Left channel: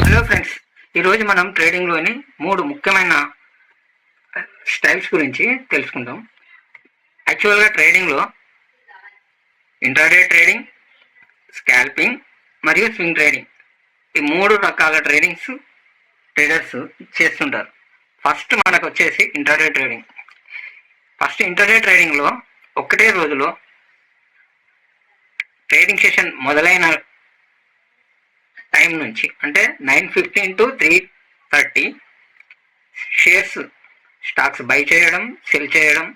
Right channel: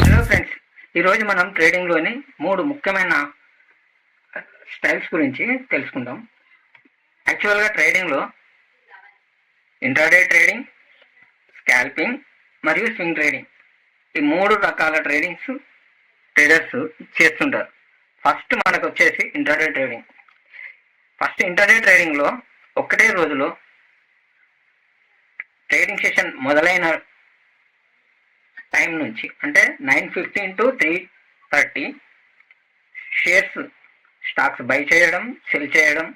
Hello friends, ఈరోజు మనం ట్రేడింగ్లోని 3 ముఖ్యమైన స్టైల్స్ గురించి తెలుసుకుందాం. యాక్చువల్గా ట్రేడింగ్లో ఇంట్రాడే ట్రేడింగ్, స్కాల్పింగ్ మరియు స్వింగ్ ట్రేడింగ్, ఈ 3 రకాల ట్రేడర్స్ చేస్తుంటారు. ఫస్ట్ మనకు వచ్చేసి ఇంట్రాడే ట్రేడింగ్. ఇంట్రాడే ట్రేడింగ్లో ఒక్కటే రోజులో ట్రేడింగ్ సెషన్ మొదలైన టైం నుంచి అంటే 9:15 to 3:30 స్టాక్స్ బై చేయడం, సెల్ చేయడం,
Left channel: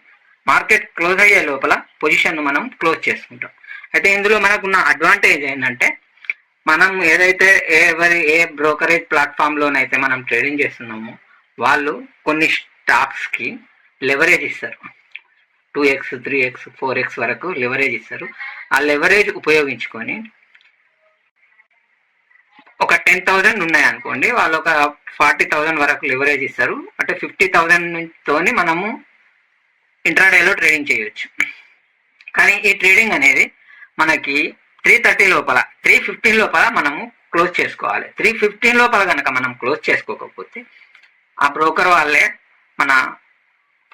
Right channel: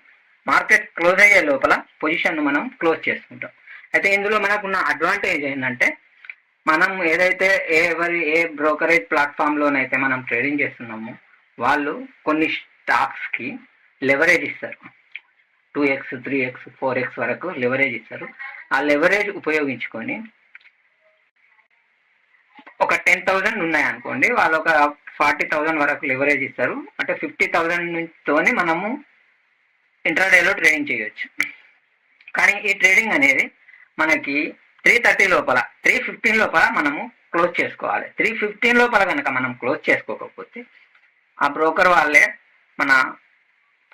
మార్కెట్ క్లోజ్ అయ్యే లోపల పొజిషన్ను మనం క్లోజ్ చేసుకుంటాం. అయితే ఇందులో మనకున్న అడ్వాంటేజ్ ఏంటంటే, మనం ఏదైతే ఏ బ్రోకరేజ్ ప్లాట్ఫామ్లోనైతే మనం ట్రేడింగ్ చేస్తున్నామో వాళ్ళు కొన్ని స్టాక్స్కి లెవరేజ్ ఇస్తారు. 2x, 3x, 4x వరకు లెవరేజ్ ఇస్తారు. ఆ లెవరేజ్ ఉపయోగించుకొని ఒక 10,000 ఉన్నాయనుకోండి, వాళ్ళు ఒక 40,000 వరకు లెవరేజ్ ఇస్తారు. అంటే 50,000 తోని మనము ఇంట్రాడేలో ట్రేడింగ్ చేయొచ్చు. కానీ ఈ ట్రేడింగ్ అనేది మనకి 3:30 లోపల 3:15 లోపల మనము క్లోజ్ చేసుకోవాలి. 3:15 లోపల కనుక మనం క్లోజ్ చేసుకోకపోతే ఆ బ్రోకర్ వాళ్ళే మన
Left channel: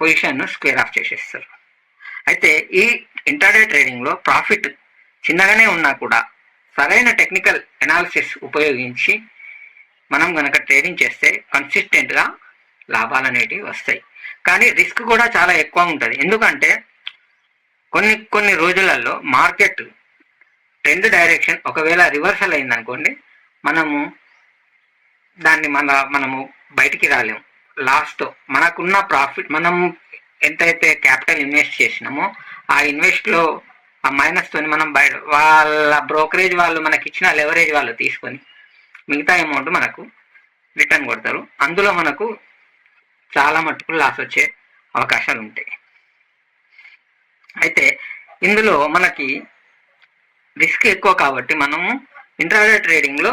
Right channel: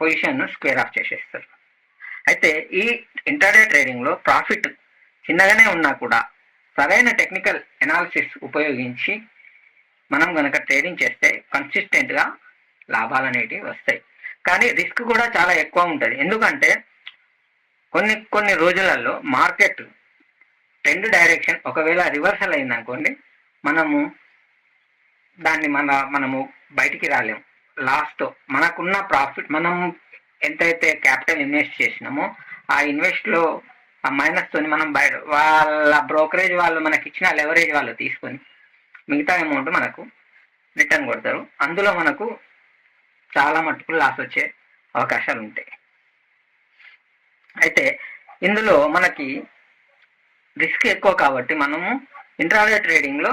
పొజిషన్ను స్క్వేర్ ఆఫ్ చేసేస్తారు. అయితే ఈ ఇంట్రాడే ట్రేడింగ్లో ప్రాఫిట్ చిన్నగానే ఉన్నా కూడా సరైన టెక్నికల్ ఎనాలిసిస్ ఉపయోగించి మనం కనుక ట్రేడింగ్ చేస్తే కన్సిస్టెంట్గా లాభాలు అనేటివి వస్తాయి. కానీ రిస్క్ కూడా చాలా ఎక్కువ ఉంటుంది. ఎందుకంటే కొన్ని రోజులలో మార్కెట్ ట్రెండ్ డైరెక్షన్ ఒకవేళ రివర్సల్ అయిందనుకోండి, మనము బయటికి రాలేము. లాస్ట్ మనకున్న ప్రాఫిట్, మనం ఎంతైతే క్యాపిటల్ ఇన్వెస్ట్ చేసినామో ఆ ఇన్వెస్ట్లో ఆ మైనస్తోని మనం వాళ్ళ బ్రోకరేజ్ వాళ్ళు మనకి ఇచ్చిన లెవరేజ్ వాళ్ళు తీసుకొని మిగతా అమౌంట్ మనకు రిటర్న్ కొడతారు. అందులో మనకు చాలా మట్టుకు లాస్ వచ్చే అవకాశాలు ఉంటాయి. అయితే ఇందులో మనకి రిస్క్ ఎక్కువ కాబట్టి మనము ఇంట్రాడే ట్రేడింగ్లో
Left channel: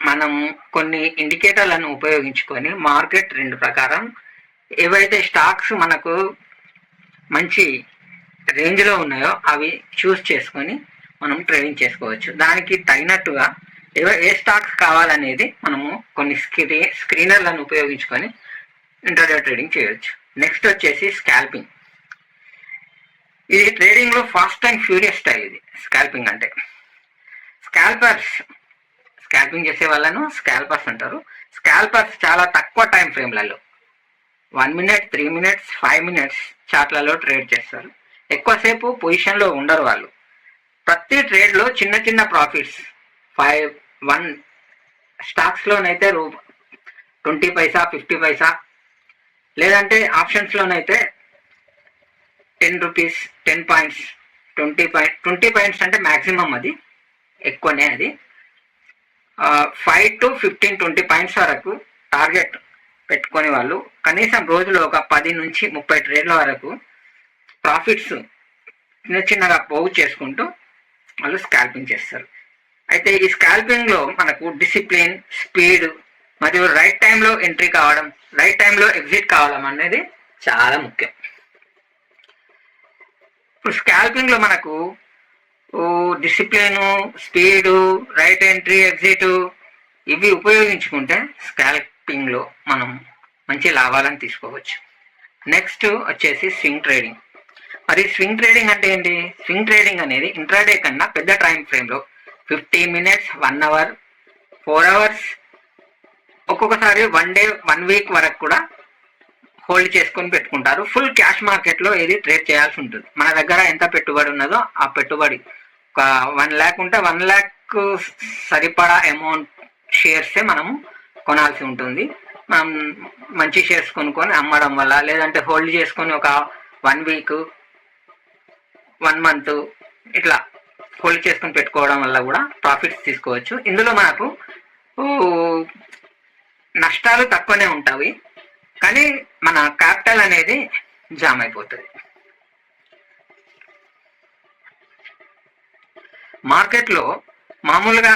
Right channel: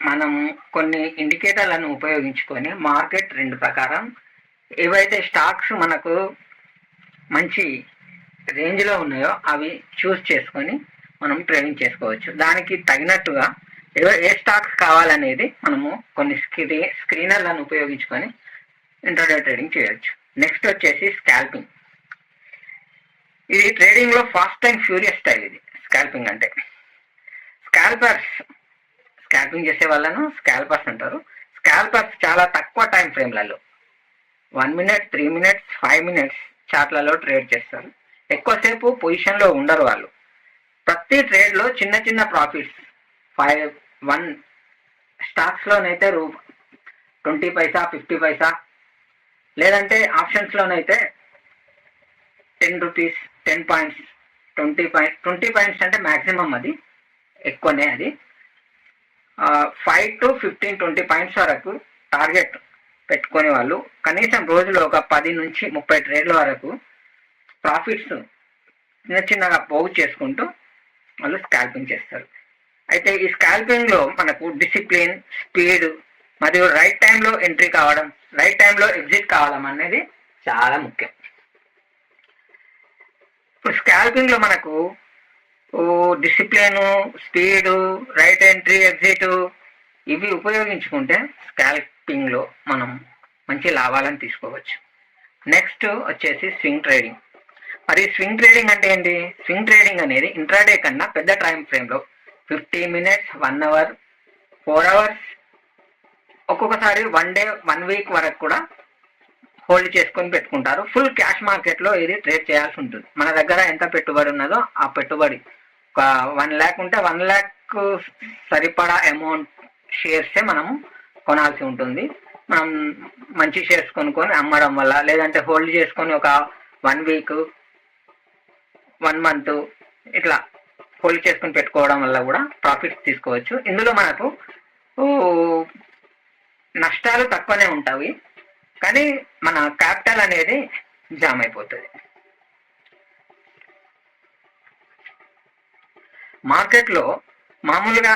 మనము కొన్ని ఇండికేటర్లను ఉపయోగించుకొని మార్కెట్ ట్రెండ్ ప్రకారం ఏవైతే స్టాక్స్ మనకు మంచి రేంజ్లో ఉన్నాయో అవి చూస్ చేసుకొని మనం ట్రేడింగ్ చేసుకోవచ్చు. దానికి తగినట్టుగా ఏ స్టాక్స్ కావాలనేది మనము కొన్ని స్క్రీనర్లను ఉపయోగించుకొని ఇంట్రాడే ట్రేడింగ్ చేయవచ్చు. నెక్స్ట్ వచ్చేసి స్కాల్పింగ్. ఇది ట్రేడింగ్లో ఫాస్ట్ అండ్ ఫ్యూరియస్ స్టైల్. ఇది స్కాల్పింగ్ అంటే స్కాల్పింగ్ చేసే వాళ్ళను స్కాల్పర్స్ అంటారు. స్కాల్పర్స్ చాలా తక్కువ టైం ఫ్రేమ్లలో 1 minute, 3 minutes, 5 minutes చార్ట్లలో ట్రేడ్ చేస్తారు. ఎక్కువసేపు పొజిషన్లో ఉండరు వాళ్ళు. ప్రతి ట్రేడ్లో చిన్న చిన్న ప్రాఫిట్స్ 1 స్టాక్స్లోనైతే 20 పైసా, 50 పైసా, లేదంటే ఆప్షన్స్లోనైతే 10 రూపీస్, 10 పాయింట్స్, 20 పాయింట్స్ అంటే మ్యాక్సిమం, అది ఎక్కువనే. అది 5 to 15, 20 పాయింట్స్ వరకు టార్గెట్ పెట్టుకొని వాళ్ళు కనీసం రోజులో ఒక 10 నుంచి 30 ట్రేడ్ల వరకు ప్రాఫిట్స్ చిన్నగా పోగు చేసుకుంటూ వాళ్ళు స్కాల్పింగ్ చేస్తారు. అయితే ఈ స్కాల్పింగ్లో మనకు డిసిప్లిన్, స్పీడ్ మరియు రైట్ టైంలో ఎంట్రీ కావడం, రైట్ టైంలో ఎగ్జిట్ కావడం అనేది చాలా ముఖ్యం. ఇప్పుడు స్కాల్పింగ్లో మనకు discipline, speed, right entry, exit ఇవి ఉపయోగించుకుంటే స్కాల్పింగ్లో మనం మంచి లాభాలను తీసుకోవచ్చు. నెక్స్ట్ వచ్చేసి స్వింగ్ ట్రేడింగ్. మరి స్వింగ్ ట్రేడింగ్ అంటే ఏంటి? స్వింగ్ ట్రేడింగ్ అనేది ఇంట్రాడే కన్నా పెద్ద టైం ఫ్రేమ్లో 15 minutes, 1 hour, 4 hours, ఒక్కొక్కసారి 1 day, 1 week వరకు కూడా హోల్డ్ చేసుకొని పెట్టుకుంటారు. ఫుల్ క్యాష్ మార్కెట్లో ఇది ట్రేడ్ చేయాల్సి ఉంటుంది. మన దగ్గర ఎంత పెట్టుబడి ఉన్నదో ఆ పెట్టుబడి ఒక 1 lakh ఉంటే 1 lakh సరిపడా అమౌంట్ షేర్సే మనము కొనాల్సి ఉంటుంది. మనం మంచి షేర్స్ కొనుక్కొని అమ్మడం వల్ల, లేదంటే హోల్డ్ చేసుకొని ఒక 1 week, 1 month ఇట్లా హోల్డ్ చేసుకొని పెట్టుకోవడం వల్ల కూడా ప్రాఫిట్స్ తీసుకోవచ్చు. ఇందులో మనకు నష్టాలు తక్కువనే ఉంటాయి, కానీ మన క్యాపిటల్ అనేది జామ్ అయిపోతుంది. మార్కెట్లో మామూలుగా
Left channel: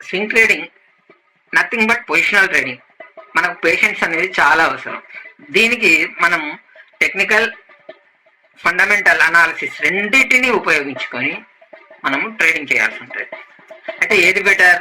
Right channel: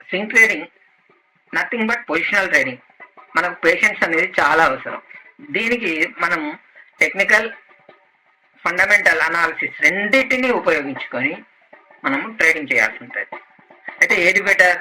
swing trading nothing but positional trading. మనకు పేషెన్స్ అనేది చాలా అవసరం. దీనికి మనం టెక్నికల్, ఫండమెంటల్ అనాలిసిస్ రెండింటిని ఉపయోగించుకొని మనము ట్రేడింగ్ చేయాల్సి ఉంటుంది. అయితే ఏది బెటర్?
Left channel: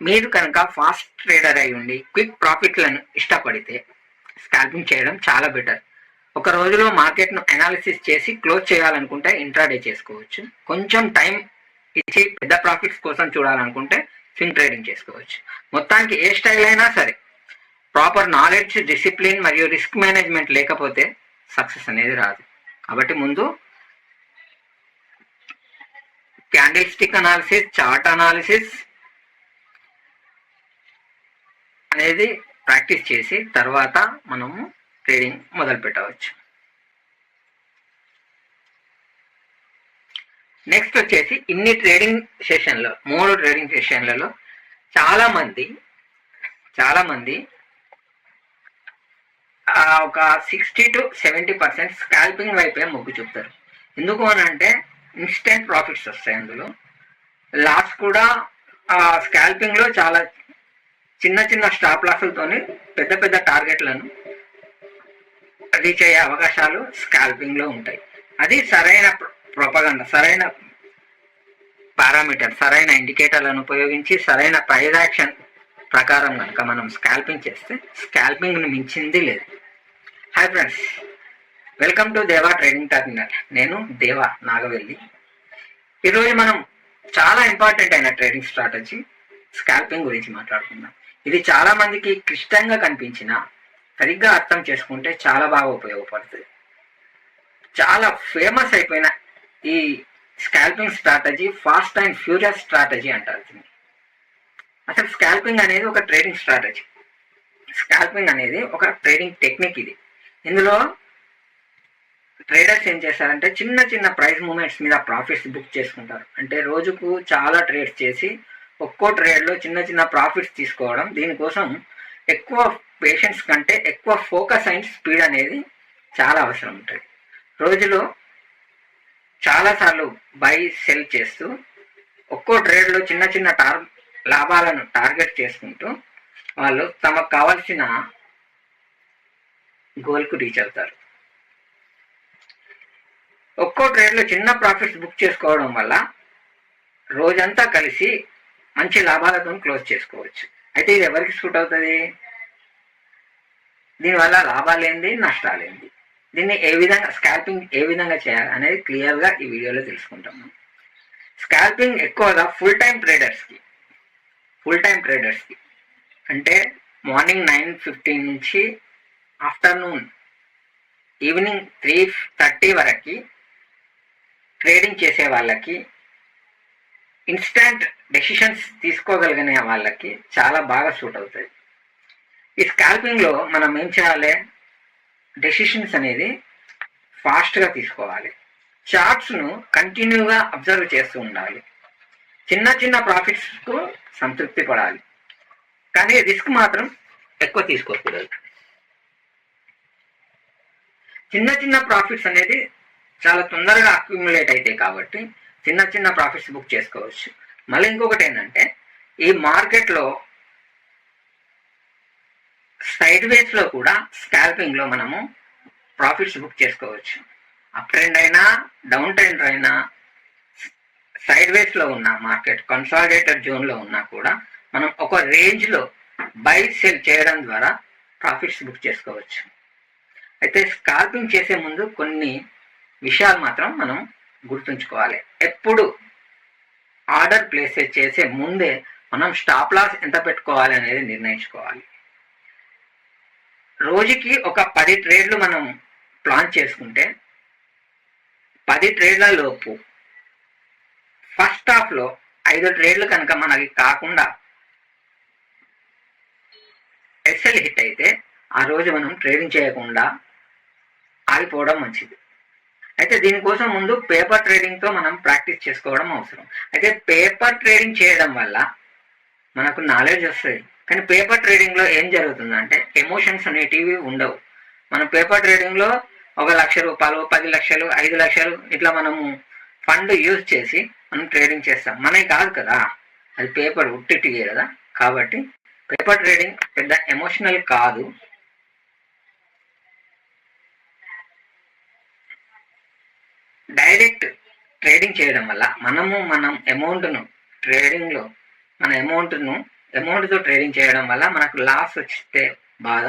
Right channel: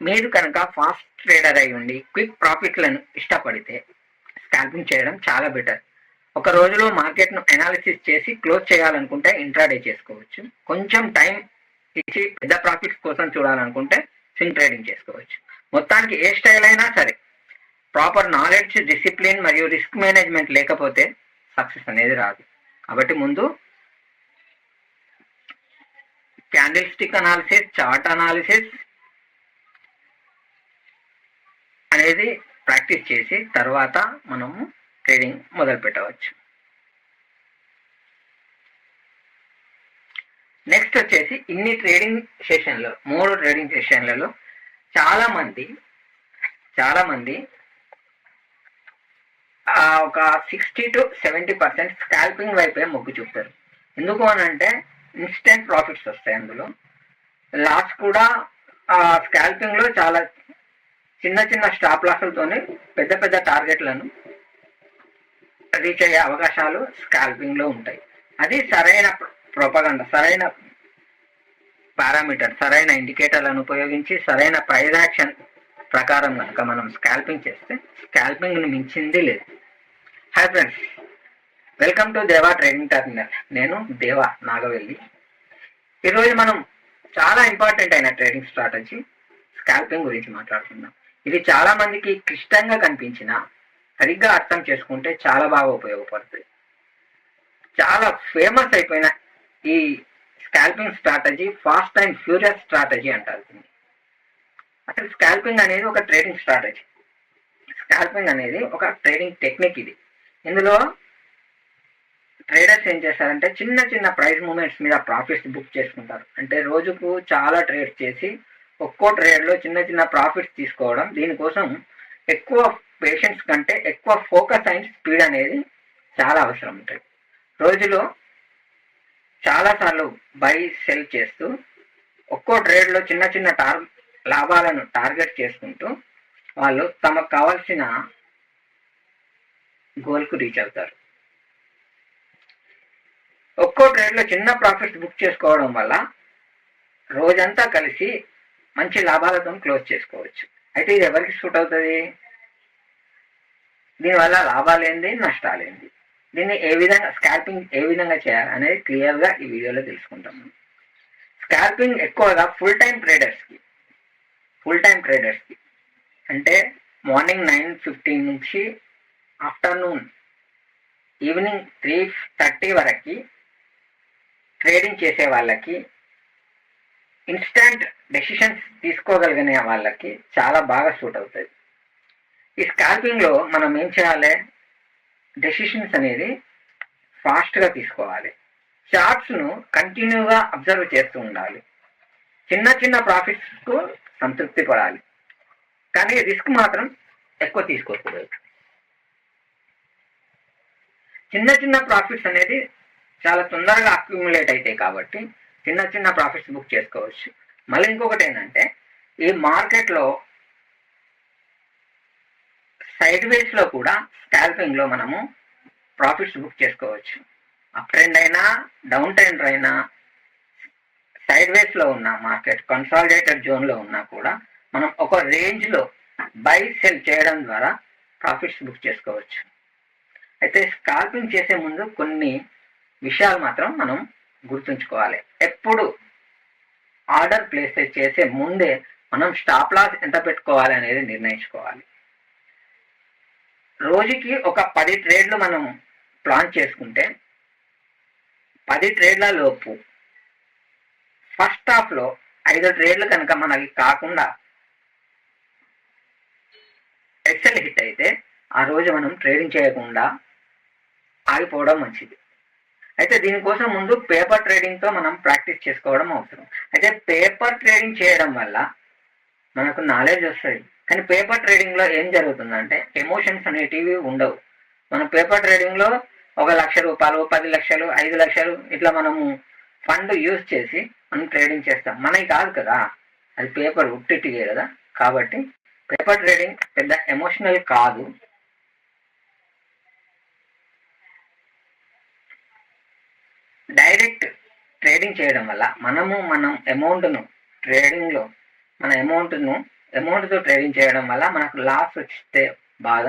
మీరు కనుక ఫాస్ట్ ట్రేడర్ అయి ఉండి క్విక్ ప్రాఫిట్లను ఇష్టపడితే స్కాల్పింగ్ చేయడం చాలా బెటర్. ఒక రోజులో మార్కెట్ను అనాలిసిస్ చేసి క్లోజ్ చేయాలనుకుంటే ఇంట్రాడే చేసుకోవచ్చు. కొంచెం టైం ఇచ్చి పెద్ద ప్రాఫిట్స్ కోసం చూడాలనుకుంటే స్వింగ్ ట్రేడింగ్ చేసుకోవచ్చు. మొత్తానికి ఏ స్టైల్ అయినా సరే ప్రాపర్ నాలెడ్జ్, డిసిప్లిన్ మరియు రిస్క్ మేనేజ్మెంట్ లేకపోతే సక్సెస్ అనేది రాదు. కాబట్టి ముందు candle stick analysis, chart analysis అనేది ప్రాక్టీస్ చేసి తర్వాత మనము ట్రేడింగ్ మొదలు పెట్టవచ్చు. నెక్స్ట్ వచ్చేసి ఇన్ని ట్రేడింగ్ సెషన్లో 3 ట్రేడింగ్ సెషన్లలో చాలా మంది ఒక 60 to 70% స్కాల్పింగ్ వైపే మొగ్గు చూపుతారు. ఎందుకు అని అంటే ఇన్స్టెంట్ ప్రాఫిట్స్ వస్తాయి. అందులో లాస్ కూడా స్కాల్పింగ్ లో చాలా చిన్న స్టాప్ లాసులతోనే పెద్ద పెద్ద టార్గెట్లను రీచ్ అయ్యే అవకాశాలు స్కాల్పింగ్ లో ఉంటాయి. అది సరైన ప్రొపగండా, సరైన పారామీటర్, సరైన ఇండికేటర్లను ఉపయోగించి సరైన ప్రైజ్ యాక్షన్ ప్రకారం కనుక మనం స్కాల్పింగ్ చేస్తే స్కాల్పింగ్ ని మించింది లేదు. హాయ్ ఫ్రెండ్స్, వెల్కమ్ టు దేవా ట్రేడింగ్ టర్మినల్. నేను దేవా నాగవెల్లి. ఈరోజు మనం చాలా ఇంపార్టెంట్ అయిన ట్రేడింగ్ స్ట్రాటజీ స్కాల్పింగ్ గురించి మాట్లాడుకుందాం. ఇది చాలా మందికి క్లిష్టంగా కనిపించినా సరిగ్గా అర్థం చేసుకుంటే చాలా బాగా ఉపయోగపడుతుంది. చాలా ఫేమస్ అయిపోయిన ఈ scalping strategy fast and furious strategy అంటారు దీన్ని. అసలు స్కాల్పింగ్ అనేది ఒక ట్రేడింగ్ స్ట్రాటజీ. స్కాల్పింగ్ అనేది ఒక ట్రేడింగ్ టెక్నిక్. ఇందులో ట్రేడర్స్ ఏం చేస్తారంటే చిన్న ప్రైస్ మూమెంట్స్ మీద ప్రాఫిట్స్ బుక్ చేసుకుంటారు. అంటే రోజుకు చాలా ట్రేడ్స్ చేసి ఒక్కో ట్రేడ్లో చిన్న ప్రాఫిట్స్ తీసుకోవడం. దీనికోసం ఎక్కువ పేషెన్స్ కంటే ఎక్కువ ఫోకస్ అండ్ స్పీడ్ అనేది చాలా అవసరం ఉంటుంది. రోజులో చాలాసార్లు బై సెల్ చేస్తూ ఒక్కో ట్రేడ్లో చిన్న లాభాలను టార్గెట్ చేసుకుంటూ వాళ్ళు తమకు కావాల్సిన గోల్కు రీచ్ అవుతారు. ఒక్కో ట్రేడ్లో చిన్న ప్రాఫిట్స్ బుక్ చేసుకోవడం వల్ల రోజంతా కలిసి మంచి లాభాలతో క్లోజ్ చేసుకోవచ్చు. అయితే ఇది ఎవరికి సూట్ అవుతుంది? దీనివల్ల లాభాలేంది, నష్టాలేంది, దీన్ని స్కాల్పింగ్ ఏ విధంగా చేయాలి అనేది క్లియర్గా ఈ వీడియోలో తెలుసుకుంటాము. స్కాల్పింగ్ ఎక్కువగా ఫుల్ టైం ట్రేడర్స్కి అంటే మార్నింగ్ 9:15 నుంచి ఆఫ్టర్నూన్ ఈవినింగ్ 3:30 వరకు ట్రేడింగ్ చేసే వాళ్ళకి, ఇన్స్టంట్ డెసిషన్స్ తీసుకోగలిగిన వాళ్ళకి చాలా బాగా సూట్ అవుతుంది. ఈ స్కాల్పింగ్లో మనం ఏం చేయాలి? డెసిషన్స్ అనేది ఫాస్ట్గా తీసుకోవాలి. చార్ట్స్ను కంటిన్యూగా అబ్జర్వ్ చేస్తూ ఉండాలి. చిన్న ప్రాఫిట్స్కు సంతృప్తి పడాలి, కానీ రిస్క్ మాత్రం ఎక్కువ తీసుకోకూడదు. చిన్న ప్రాఫిట్స్ అనేది చాలా తొందరగా అక్యుములేట్ అవుతాయి కాబట్టి చిన్న ప్రాఫిట్స్ బుక్ చేసుకోవచ్చు. మళ్ళీ ఇంకొకటి ఏంటంటే ఈ మార్కెట్లో సైడ్ వేస్లో కూడా స్కాల్పింగ్లో మనము ప్రాఫిట్స్ బుక్ చేసుకోవచ్చు. అప్ ట్రెండ్ అయినా డౌన్ ట్రెండ్ అయినా సైడ్ వేస్లో ఉన్న మార్కెట్ కన్సాలిడేటెడ్ జోన్లో ఉన్నా కూడా మనం ఒక రేంజ్లో బై సెల్ చేయడం ద్వారా ప్రాఫిట్స్ బుక్ చేసుకోవచ్చు. అయితే స్కాల్పింగ్ చేసే ముందు కొన్ని విషయాలు మాత్రం మనం గుర్తుంచుకోవాలి. ఎప్పుడు ఆర్డర్ ప్లేస్ చేసే ముందే మనం స్టాప్ లాస్ ఎంత పెట్టుకోవాలి అనేది నిర్ణయించుకోవాలి. రోజుకి ఒక 10 ట్రేడ్లు మనం ప్లాన్ చేసుకుంటే 10 ట్రేడ్ల లోపు ఫస్ట్ హాఫ్లో 5 ట్రేడ్లు కనుక మనకి కాకుండా ఎస్ఎల్ హిట్ అయితే ఆ రోజు మనం ట్రేడింగ్ చేయకుండా ఆగిపోవడం మంచిది. అయితే దీనికోసం ముందు పేపర్ ట్రేడింగ్తో మనం ప్రాక్టీస్ చేసుకోవడం అవసరం. అయితే పేపర్ ట్రేడింగ్ చేయడం వల్ల మనకు నాలెడ్జ్ వస్తుంది, కానీ పేపర్ ట్రేడింగ్లో ఏం జరుగుతుందంటే ఎమోషన్స్ అనేటివి ఉండవు. మనం పేపర్ ట్రేడింగ్లో 1,00,000 10 లక్షలు 5 లక్షలు ఇట్లా మనము ఫండ్ యూజ్ చేసి మనం ట్రేడింగ్ చేస్తాం. మనకి కాదు కదా, అది పేపర్ ఉట్టిటిగే కదా. కాబట్టి పేపర్ ట్రేడింగ్ పెద్ద ఎమోషనల్ కాదు. డైరెక్ట్ ట్రేడింగ్ చేయడం వల్ల మనం అమౌంట్ను ట్రేడింగ్లో మన అమౌంట్తో ట్రేడింగ్ చేయడం వల్ల మనకు లాస్ వస్తే బాధ,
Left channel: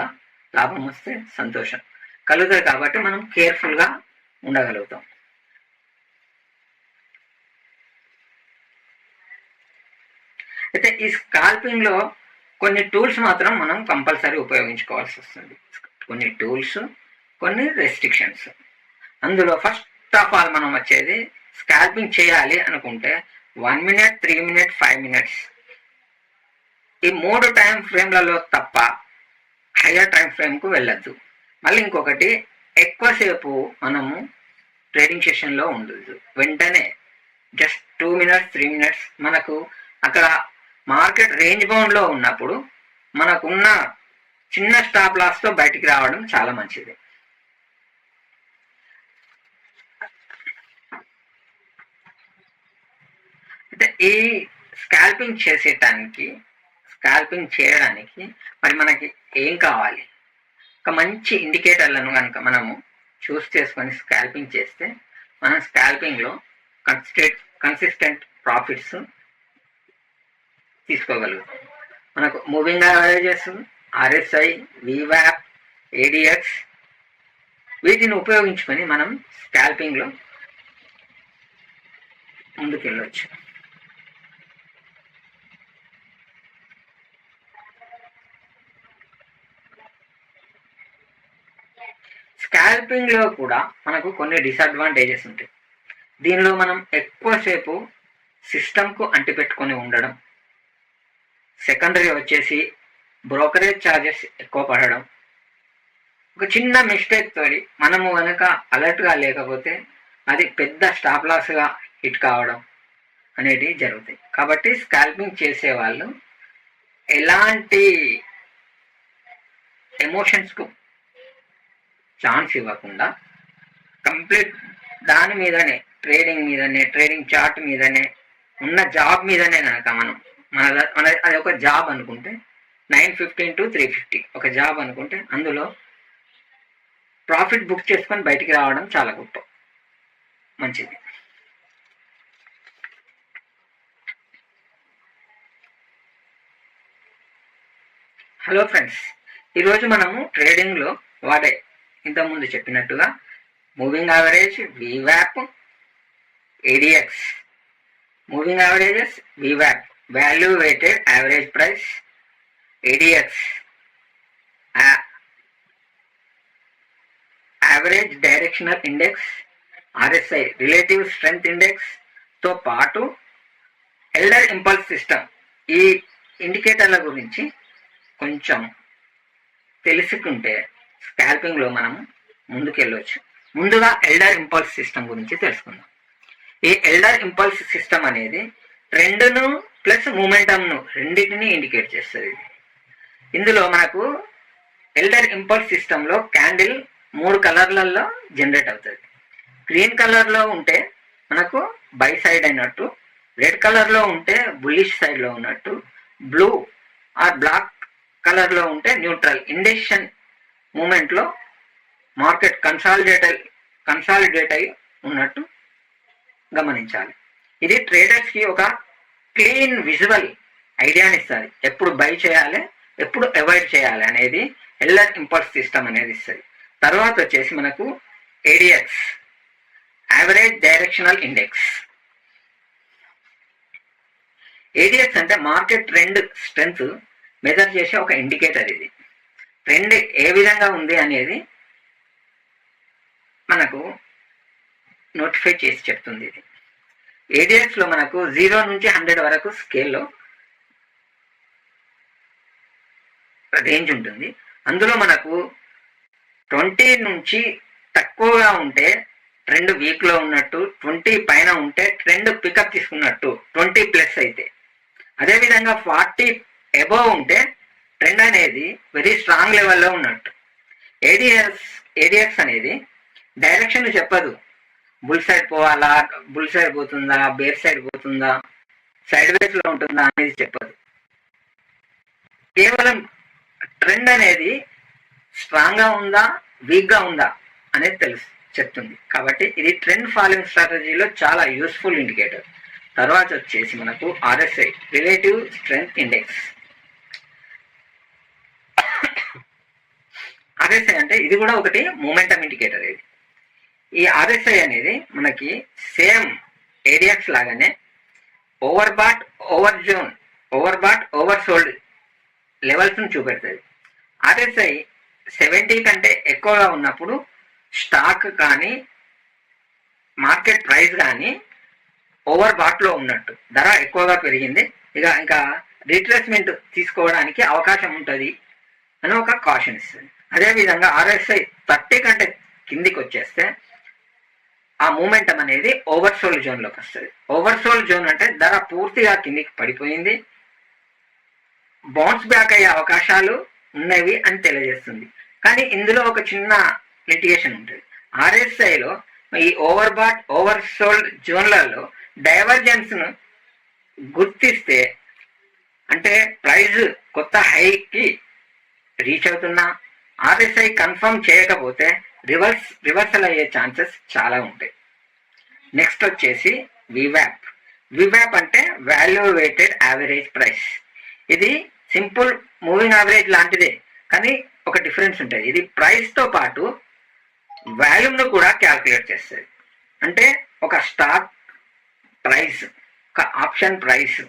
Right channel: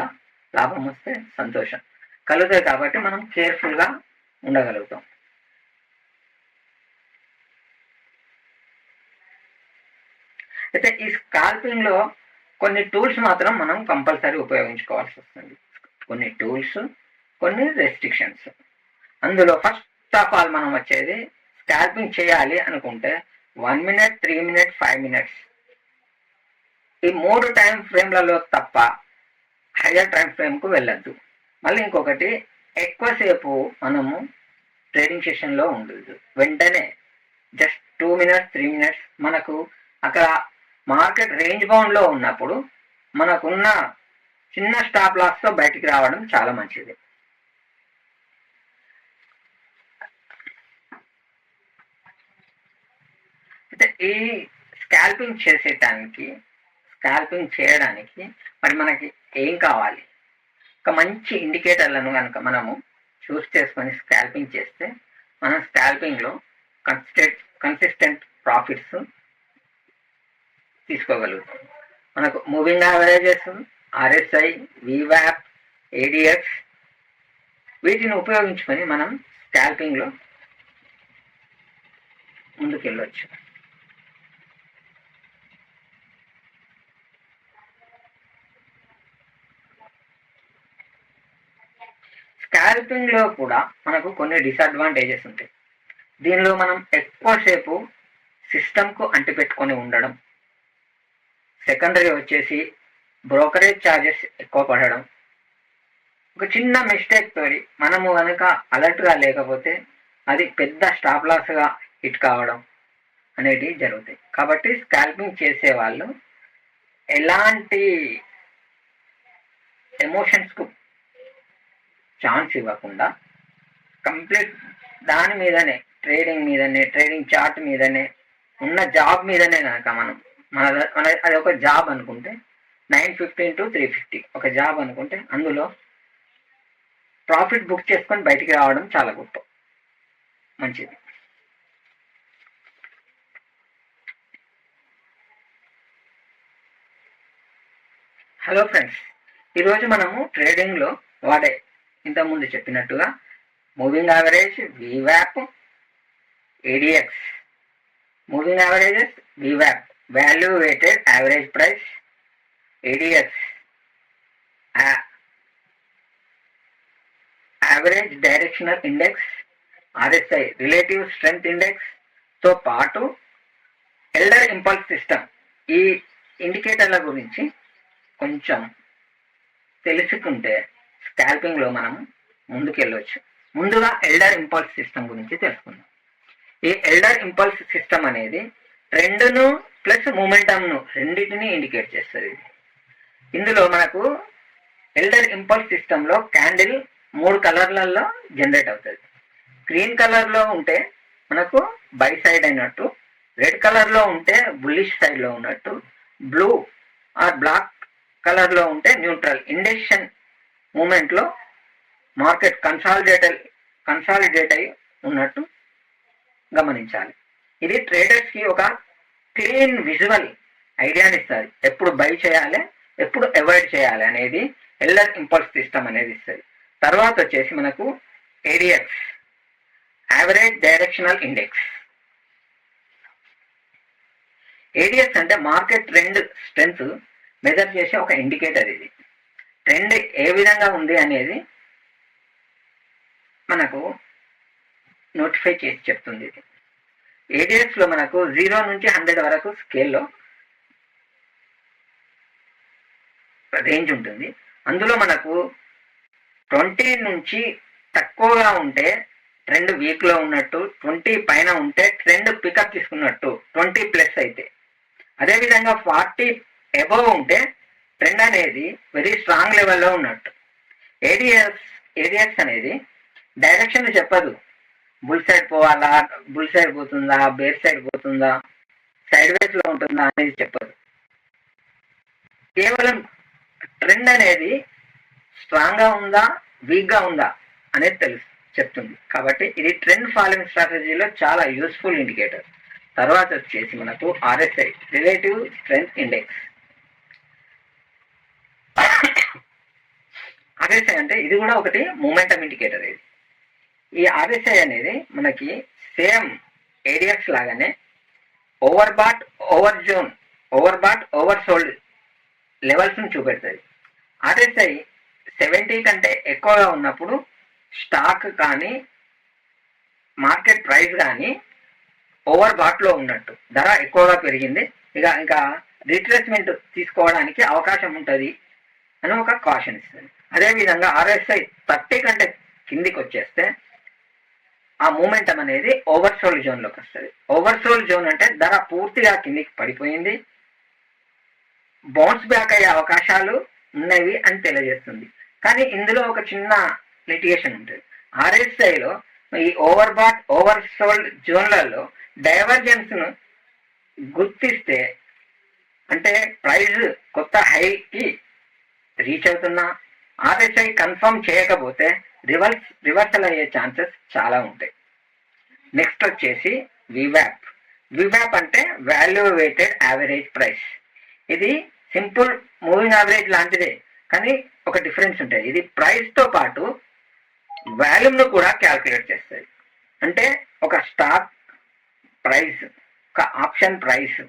లాభం వస్తే సంతోషం కలుగుతుంది. కాబట్టి మనం కేర్ఫుల్గా ఉండగలుగుతాం. అయితే ఈ స్కాల్పింగ్లో కొన్ని టూల్స్ మాత్రం మనం కంపల్సరీ ఉపయోగించుకోవాల్సి వస్తుంది. కొన్ని టూల్స్, కొన్ని రెస్ట్రిక్షన్స్. అందులో ఫస్ట్ ఆఫ్ ఆల్ మనం వచ్చేది స్కాల్పింగ్ చేయాలి అనుకుంటే 1 minute, 3 minutes, 5 minutes ఈ 3 టైం ఫ్రేమ్లలో తప్ప హయ్యర్ టైం ఫ్రేమ్కు వెళ్ళద్దు. మళ్ళీ ఇంకొకటి, ఎక్కువసేపు మనము ట్రేడింగ్ సెషన్లో ఉండదు. వెంటనే జస్ట్ 2 minutes, 3 minutes మనకు అక్కడ మార్కెట్ రేంజ్ బౌండ్లో ఉన్నప్పుడు మనకున్న చిన్న స్టాప్ లాస్తో బయటికి రావడం చాలా మంచిది. అయితే ఈ స్కాల్పింగ్ చేయడానికి మరి మనకి ఏం కావాలి? ఒక మంచి ఇండికేటర్లను కనుక మనము చూస్ చేసుకొని స్కాల్పింగ్ చేస్తే మనం స్కాల్పింగ్లో కన్సిస్టెంట్ ప్రాఫిట్స్ తీసుకోగలుగుతాం. మనకు moving averages, RSI, VWAP, ADX వీటిని ఉపయోగించుకొని మనం స్కాల్పింగ్లో ముందుకెళ్ళొచ్చు. స్కాల్పింగ్లో కూడా మనకు కొన్ని డిసడ్వాంటేజెస్ ఉంటాయి. దీనిలో మనం ఎక్కువసేపు సిస్టమ్కు అంటిపెట్టుకొని ఉండడం, సెకండరీ వచ్చేసి బ్రోకరేజ్ ఛార్జెస్ ఎక్కువ పడడం, ఒక చిన్న మిస్టేక్ తోటి మనము కనుక అలర్ట్గా లేకపోతే అది పెద్ద స్టాప్ లాస్గా హిట్ కావడం అనేటివి జరుగుతాయి. కాబట్టి స్కాల్పింగ్ చేసే వాళ్ళు ఎలాంటి ఎమోషన్స్కు ఛాన్స్ ఇవ్వకుండా కంప్లీట్ దాని మీదనే, ట్రేడింగ్ చార్ట్ మీదనే, ఉన్న జాబ్ మీదనే కనుక మన అది ఒక జాబ్ అనుకుంటే 9:15 to 3:50 ఒక జాబ్ అనుకుంటే అందులో ప్రాఫిట్ బుక్ చేసుకొని బయటికి రావడం చాలా గొప్ప మంచిది. హలో ఫ్రెండ్స్, ఈరోజు మనము ట్రేడింగ్లో వాడే ఇంతకుముందు చెప్పినట్టుగా moving average, VWAP, ADX. Moving averages, VWAP value weighted average price, ADX average directional index, RSI relative strength ఇండెక్స్తో పాటు ఎల్డర్ ఇంపల్స్ సిస్టమ్. ఈ ఇండికేటర్ల గురించి కొంచెం తెలుసుకుంటే స్కాల్పింగ్లో మనము ముందుకెళ్ళవచ్చు. ముందుగా ఎల్డర్ ఇంపల్స్ సిస్టమ్ గురించి తెలుసుకుందాం. ఈ ఎల్డర్ ఇంపల్స్ సిస్టమ్ అనేది ట్రెండ్ను ప్లస్ మూమెంటంను రెండింటిని ఇండికేట్ చేస్తుంది. ఇందులో మనకు ఎల్డర్ ఇంపల్స్ సిస్టంలో క్యాండిల్ 3 కలర్లలో జనరేట్ అవుతుంది. గ్రీన్ కలర్లో ఉంటే మనకు బై సైడ్ అయినట్టు, రెడ్ కలర్లో ఉంటే బుల్లిష్ సైడ్లో ఉన్నట్టు, బ్లూ ఆర్ బ్లాక్ కలర్లో ఉంటే న్యూట్రల్ ఇండెక్షన్ మూమెంట్లో మార్కెట్ కన్సాలిడేట్ అయి ఉన్నట్టు గమనించాలి. ఇది ట్రేడర్స్కి ఒక క్లీన్ విజువల్ ఐడియాని ఇస్తుంది. ఎప్పుడు బై చేయాలి, ఎప్పుడు అవాయిడ్ చేయాలి అనేది ఎల్డర్ ఇంపల్స్ సిస్టమ్ అనేది ఇస్తుంది. తర్వాత వచ్చేసి మనకు ADX average directional index. ADX అంటే మార్కెట్ ట్రెండ్ స్ట్రెంగ్త్ మెజర్ చేసే ఒక ఇండికేటర్. ఇది ట్రెండ్ ఏ విధంగా ఉంది అనేది మనకు నోటిఫై చేసి చెప్తుంది. ఇది ADXలో మనకు 0 నుంచి 100 వరకు స్కేల్లో రేంజ్ ఉంటుంది. అందులో మనకు 20 నుంచి తక్కువగా ఉంటే ట్రెండ్ వీక్లో ఉన్నట్టు, 20 పైన ఉంటే ట్రెండ్ పికప్ తీసుకున్నట్టు, 20+ అయితే. అదేవిధంగా 40 అబోవ్ ఉంటే ట్రెండ్ అనేది వెరీ స్ట్రాంగ్ లెవెల్లో ఉన్నట్టు. ADX అనేది డైరెక్షన్ చెప్పదు. బుల్ సైడ్ పోవాలా, బుల్ సైడ్ పోతుందా, బేర్ సైడ్ పోతుందా, సైడ్ వేస్ లో ఉంటుందా అనేది చెప్పదు. కేవలం ట్రెండ్ అనేది స్ట్రాంగ్ గా ఉందా, వీక్ గా ఉందా అనేది చెప్తుంది. కాబట్టి ఇది ట్రెండ్ ఫాలోయింగ్ స్ట్రాటజీలో చాలా యూస్ఫుల్ ఇండికేటర్. తర్వాత వచ్చేసి మనకు RSI, relative strength index. RSI అంటే ఇది కూడా ఒకటి మూమెంటం ఇండికేటర్. ఈ RSI అనేది మనకి సేమ్ ADX లాగానే over bat, over sold levels ను చూపెడుతుంది. RSI 70 కంటే ఎక్కువగా ఉన్నప్పుడు స్టాక్ కానీ మార్కెట్ ప్రైస్ కానీ ఓవర్ బాట్ లో ఉన్నట్టు, ధర ఎక్కువగా పెరిగింది, ఇంకా రీట్రేస్మెంట్ తీసుకోవడానికి అవకాశం ఉంటుంది అని ఒక కాషన్ ఇస్తుంది. అదేవిధంగా RSI 30 కంటే కిందికి వచ్చేస్తే ఆ మూమెంటం అనేది ఓవర్సోల్డ్ జోన్లోకి వస్తుంది. ఓవర్సోల్డ్ జోన్ అంటే ధర పూర్తిగా కిందికి పడిపోయింది, బౌన్స్ బ్యాక్ అయ్యే అవకాశాలు ఉన్నవి అని తెలియజేస్తుంది. కానీ ఇందులో ఒక చిన్న లిటిగేషన్ ఉంటుంది. RSIలో ఈ ఓవర్సోల్డ్ జోన్లలో డైవర్జెన్స్ ను గుర్తిస్తే, అంటే ప్రైస్ కొత్త హైకి రీచ్ అవుతున్నా RSI కన్ఫర్మ్ చేయకపోతే రివర్సల్ అయ్యే ఛాన్సెస్ చాలా ఉంటాయి. నెక్స్ట్ వచ్చేసి వివాప్ అంటే వాల్యూ వెయిటెడ్ యావరేజ్ ప్రైస్. ఇది సింపుల్ మూవింగ్ యావరేజ్ లాంటిదే, కానీ ఒక డిఫరెన్స్ ఉంటుంది. ఇది ప్రైస్ తో పాటు వాల్యూమ్ను కూడా క్యాల్కులేట్ చేస్తుంది. అంటే ఒక స్టాక్ ప్రైస్, ఒక ఆప్షన్ ప్రైస్,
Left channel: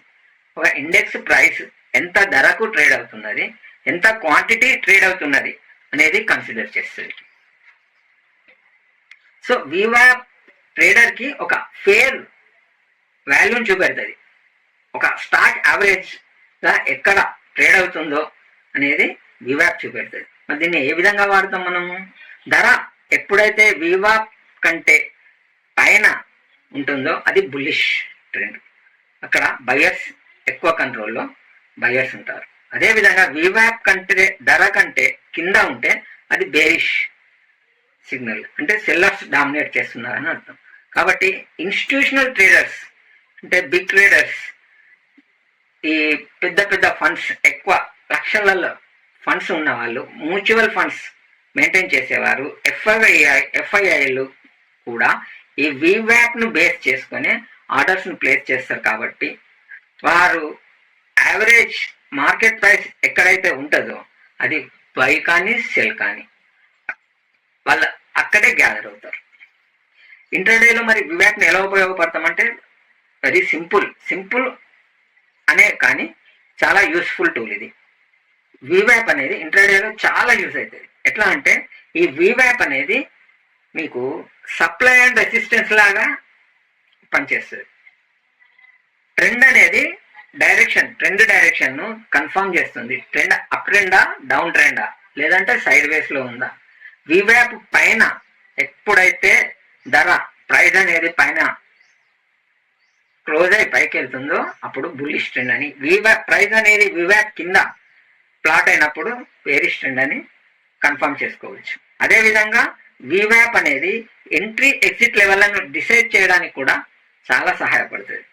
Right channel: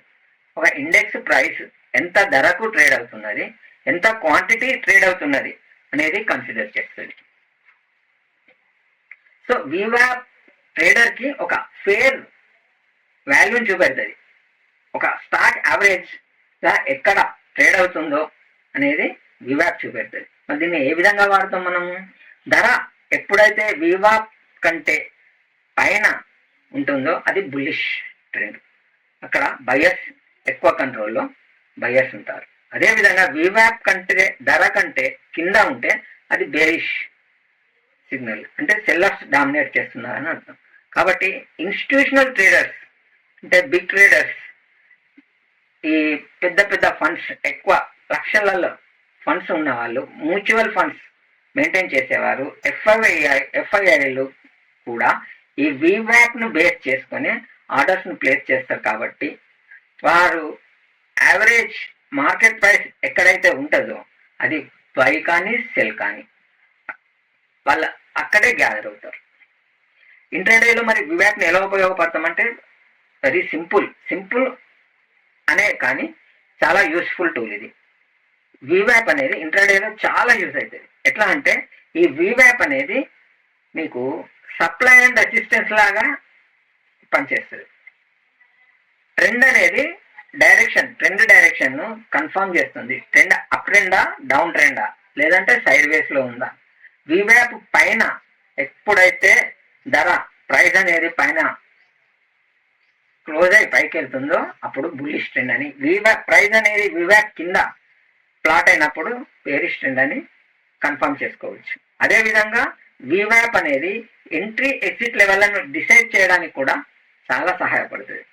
ఒక ఇండెక్స్ ప్రైస్ ఎంత ధరకు ట్రేడ్ అవుతున్నది, ఎంత క్వాంటిటీ ట్రేడ్ అవుతున్నది అనేది కన్సిడర్ చేస్తుంది. సో వివాప్ ట్రేడర్ కి ఒక ఫేర్ వాల్యూని చూపెడుతుంది. ఒక స్టాక్ యావరేజ్ గా ఎక్కడ ట్రేడ్ అవుతుందో అనేది వివాప్ చూపెడుతుంది. మరి దీన్ని ఏ విధంగా వాడతాం మనము? ధర ఎప్పుడైతే వివాప్ కంటే పైన ఉంటుందో అది బుల్లిష్ ట్రెండ్, అక్కడ బయర్స్ ఎక్కువ కంట్రోల్లో బయర్స్ ఉంటారు. అదేవిధంగా వివాప్ కంటే ధర కంటే కింద ఉంటే అది బేరిష్ సిగ్నల్, అంటే సెల్లర్స్ డామినేట్ చేస్తున్నారని అర్థం. కాబట్టి ఇన్స్టిట్యూషనల్ ట్రేడర్స్ అంటే బిగ్ ట్రేడర్స్, ఈ పెద్ద ఫండ్స్, ఎక్కువ లక్షలలో ఫండ్స్ ఉన్న వాళ్ళు, మ్యూచువల్ ఫండ్స్ మెయింటైన్ చేసేవారు, ఎఫ్ఐఐలు కూడా ఈ వివాప్ ను బేస్ చేసుకొని ఆర్డర్స్ ను ప్లేస్ చేస్తారు. కాబట్టి వారు యావరేజ్ మార్కెట్ ప్రైస్ ఎక్కడైతే ఉంటుందో అది బై కానీ సెల్ కానీ వాళ్ళు అక్కడే గ్యాదర్ అవుతారు. ఇంట్రాడేలో మరి వివాప్ని ఎలా ఉపయోగపడతామంటే వెరీ సింపుల్ అనే కానీ చాలా యూస్ఫుల్ టూల్ ఇది. వివాప్ అనేది ఇంట్రాడేలో చాలా యూజ్ అవుతుంది. ఎట్లా అంటే ఈ వివాప్ అనేది మీకు సప్లై అండ్ రెసిస్టెన్స్ లాగా పనిచేస్తుంది. ట్రెండ్ అనేది ట్రెండ్ డైరెక్షన్ ను కన్ఫర్మ్ చేస్తుంది. ట్రెండ్ అప్ ట్రెండా, డౌన్ ట్రెండా, లేదంటే సైడ్ వేస్ లో ఉందా. వివాప్ పైన ఎప్పుడైతే ధర ప్రైస్ అనేది పైన క్లోజ్ అయి పైకి వెళ్తుందో అప్పుడు బుల్లిష్ ట్రెండ్ అని, ప్రైస్ అనేది వివాప్ కింద ప్లాట్ అయినప్పుడు బేరిష్ ట్రెండ్ అని కన్ఫర్మ్ చేసుకోవచ్చు. అదేవిధంగా వివాప్ అనేది ఎంట్రీ ఎగ్జిట్ లెవెల్లను డిసైడ్ చేయడానికి కూడా చాలా సహాయపడుతుంది.